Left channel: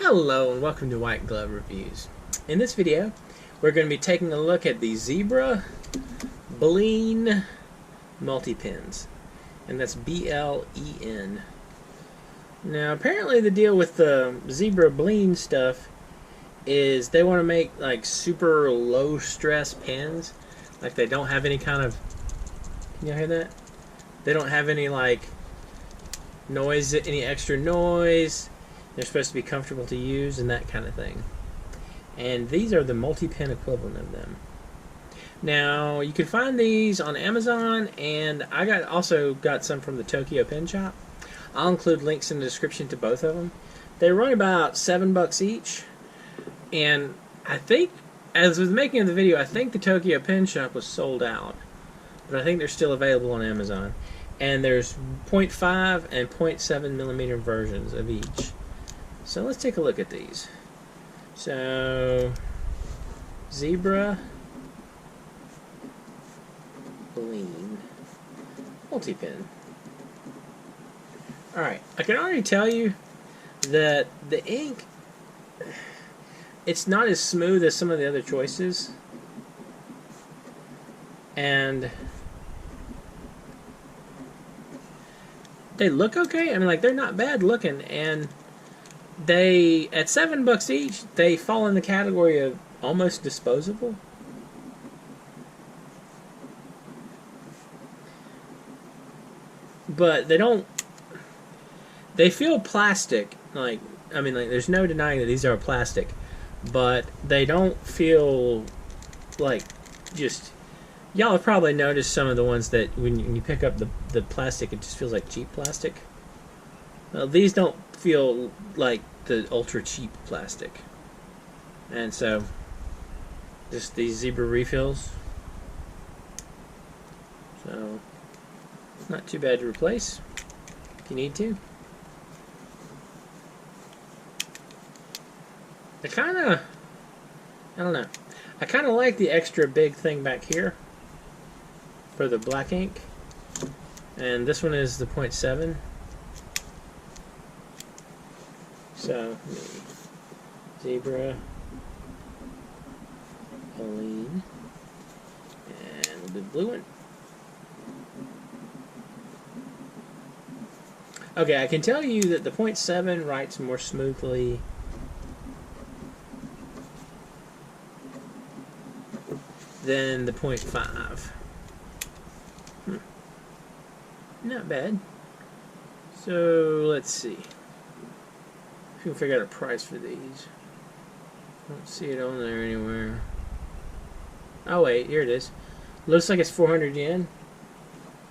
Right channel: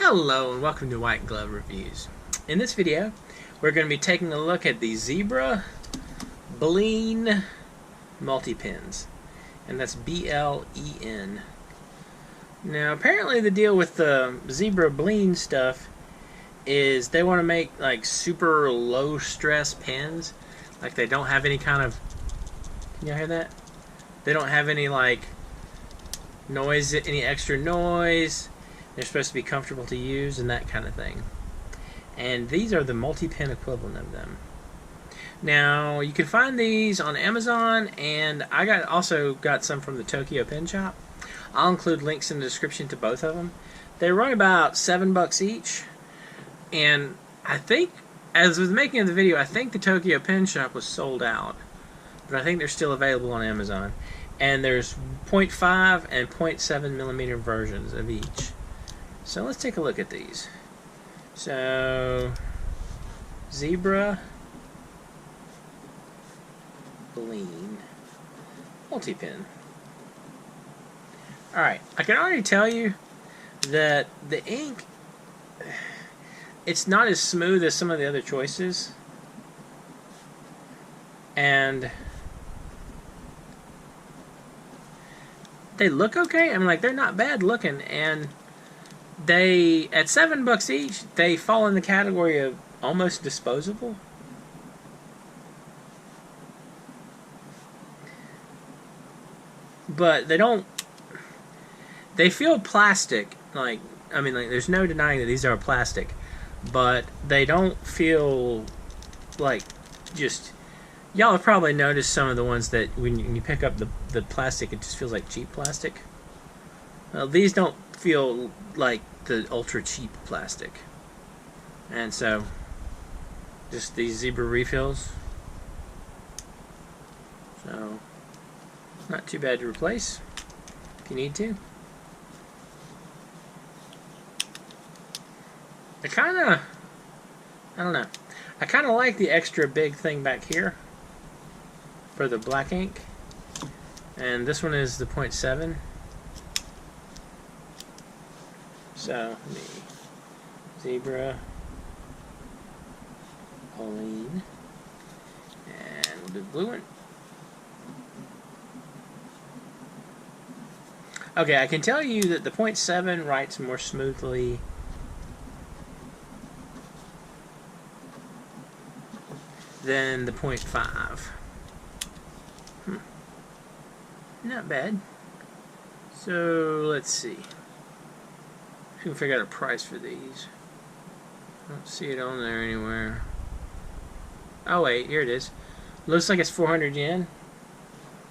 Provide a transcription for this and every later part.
Hello and welcome to White Glove Reviews. In this video, we're going to be taking a look at the Zebra Blen multi-pins, and that's B-L-E-N. Now, apparently the deal with the Zebra Blen stuff is they want to make like super low stress pins, like they don't have any kind of, can you hear that? They don't have any like noise, any extra noise. They're supposed to be comfortable to use and that kind of thing. And these are the multi-pin equivalent of them. Now, you can find these on Amazon, and I also got some from the Tokyo Pin Shop. I'll include links in the description to both of them. They run about $7 each, and I think, as with making of the video, I think the Tokyo Pin Shop was sold out, but I think they're still available on Amazon. And there's 0.5 and 0.7 millimeter versions of each. So let's take a look at these. So, Zebra Blen multi-pin. Alright, I can already tell you that the ink, it's not as smooth as some of the other choices. And they look okay. I mean, like, they're not bad looking, and they, at $7 each, they fall in the category of almost disposable. But they don't, they feel plastic. Like, I mean, like, there's no denying that these are plastic, but they don't feel like just, y'all have probably noticed some of the ones that when you pick up the plastic, it just feels like cheap plastic. Well, these don't feel like the ultra cheap plastic. And so, just these Zebra refills. So, not too bad to replace if you need to. I don't know. I kind of like the extra big thing back here for the black ink. And this one is the 0.7. So, the Zebra Blen, and we'll do the blue one. Okay, I can tell you that the 0.7 writes more smoothly than the 0.5. Not bad. So, let's see. If we can figure out a price for these. I don't see it on there anywhere. Oh wait, here it is. Looks like it's 400 yen.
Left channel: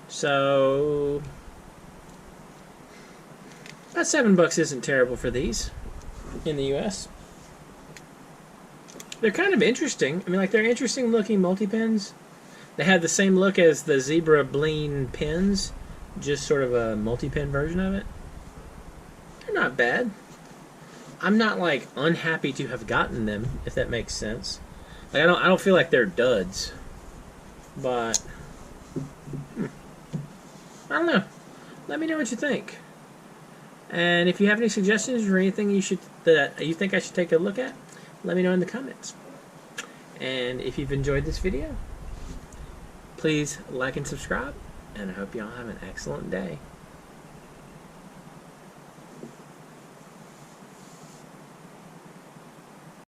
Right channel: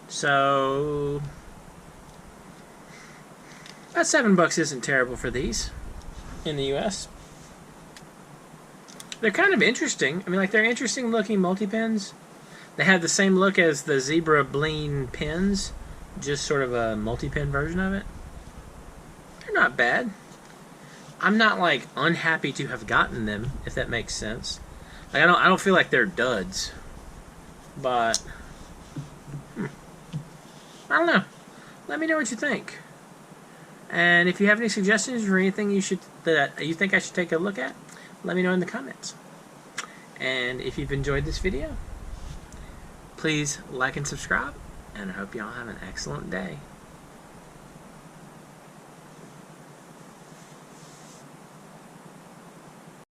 So about $7 isn't terrible for these in the US. They're kind of interesting. I mean, like, they're interesting looking multi-pins. They have the same look as the Zebra Blen pins, just sort of a multi-pin version of it. They're not bad. I'm not like unhappy to have gotten them, if that makes sense. Like, I don't feel like they're duds, but I don't know. Let me know what you think, and if you have any suggestions or anything that you think I should take a look at, let me know in the comments. And if you've enjoyed this video, please like and subscribe, and I hope y'all have an excellent day.